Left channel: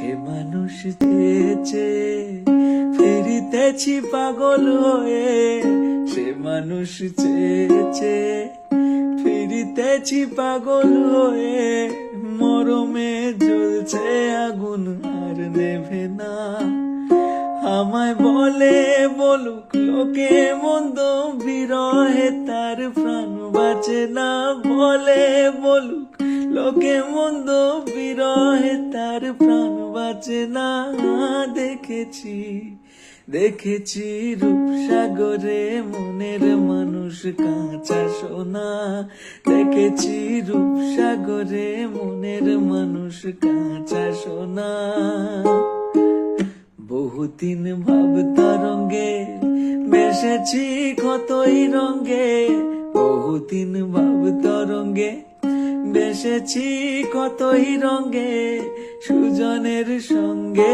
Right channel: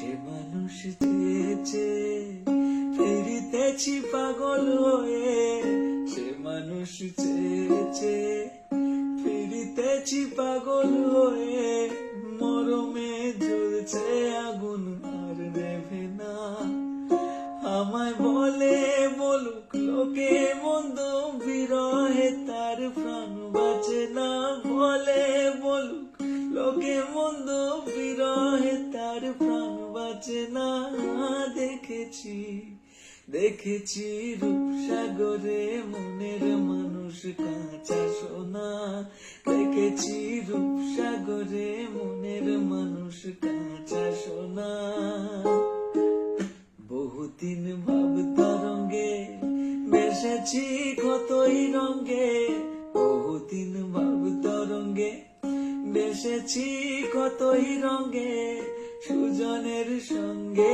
সে মানুষ চেয়েছে ফিরিতেছি পাগল হয়ে, সে মানুষ চেয়েছে ফিরিতেছি পাগল হয়ে, মরমে জ্বলছে আগুন আর নেভে না। আমায় বলে বলুক লোকে মন্দ, বিরহে তার প্রাণ বাঁচে না। বলে বলুক লোকে মন্দ, বিরহে তার প্রাণ বাঁচে না। দেখেছি দেখেছি রূপসাগরে মনের মানুষ কাঁচা সোনা, দেখেছি রূপসাগরে মনের মানুষ কাঁচা সোনা। বহুদিন ভাব তরঙ্গে বেসেছি কতই রঙ্গে, বহুদিন ভাব তরঙ্গে বেসেছি কতই রঙ্গে, সুজনের সঙ্গে